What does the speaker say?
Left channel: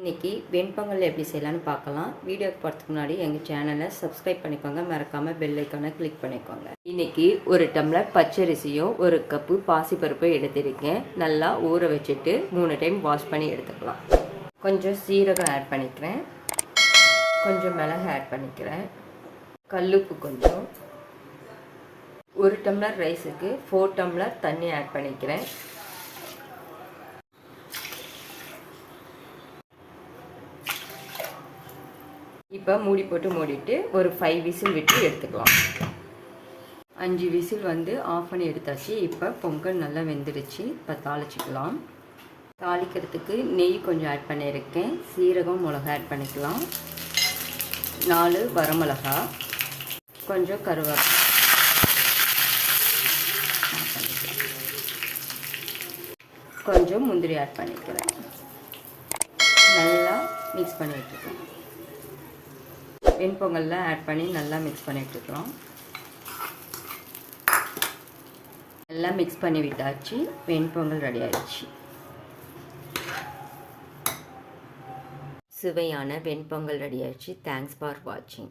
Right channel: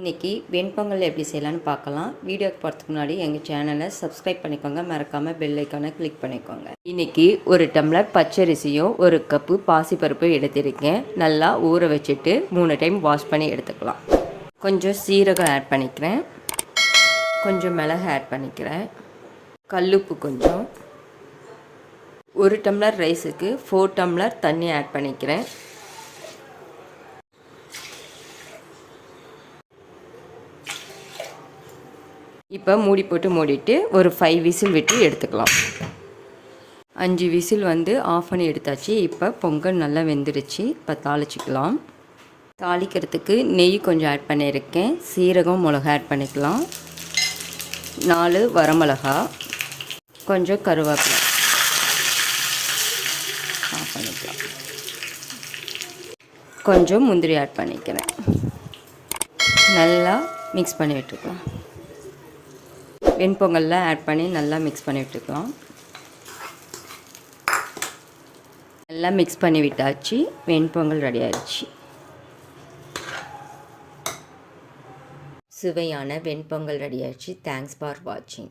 இன்றைக்கி வெண்பொங்கல் எப்படி செய்யலான்னு பார்க்கலாம். வீடியோக்கு போகிறதுக்கு முன்னாடி எங்கள் சேனலை சப்ஸ்கிரைப் பண்ணிக்கோங்க, மறக்காமல் பெல் ஐக்கானை கிளிக் பண்ணிக்கோங்க. இன்றைக்கி ஒரு டம்ளர் பச்சரிசியும் ஒரு கப்பு பாசிப்பருப்பும் எடுத்திருக்கேன். நல்லா ஊற வச்சுட்டு 3 டைம் வாஷ் பண்ணி எடுத்துக்கலாம். கொஞ்சம் சீரகம் ஆட் பண்ணிக்கிறேன், கொஞ்சம் மிளகு ஆட் பண்ணிக்கிறேன், கல்லுப்பு கொஞ்சம். 1 டம்ளர் ரைஸுக்கு 4 டம்ளர் தண்ணி ஆட் பண்ணிக்கிறேன். இப்போ மூடி போட்டு மூடிட்டு ஒரு 5 விசில் விட்டு எடுத்துக்கலாம். 5 விசில் ஆஃப் பண்ணி எடுத்தாச்சு. இப்போ பொங்கல் நல்லா வெந்துடுச்சு. இப்போ தாளிச்சிக்கலாம். தாளிக்கிறதுக்கு நெய் கொஞ்சம் ஆட் பண்ணியிருக்கேன். சீரகம், மிளகா ஆட் பண்ணிக்கலாம். 4 வரமிளகா, கொஞ்சம் கருவேப்பிலை ஆட் பண்ணிக்கலாம். கொஞ்சம் முந்திரி ஆட் பண்ணிக்கிறேன். நல்லா மிக்ஸ் பண்ணி விட்டுக்கலாம். வெண்பொங்கல்லாம் ஆட் பண்ணி நல்லா மிக்ஸ் பண்ணி விட்டுக்கலாம். நல்லா மிக்ஸ் பண்ணி விட்டாச்சு. வெண்பொங்கல் ரெடி ஆயிடுச்சு. சுவையான வெண்பொங்கல் ரெடி ஆயிடுச்சு. தேங்க்ஸ் ஃபார் வாட்சிங்.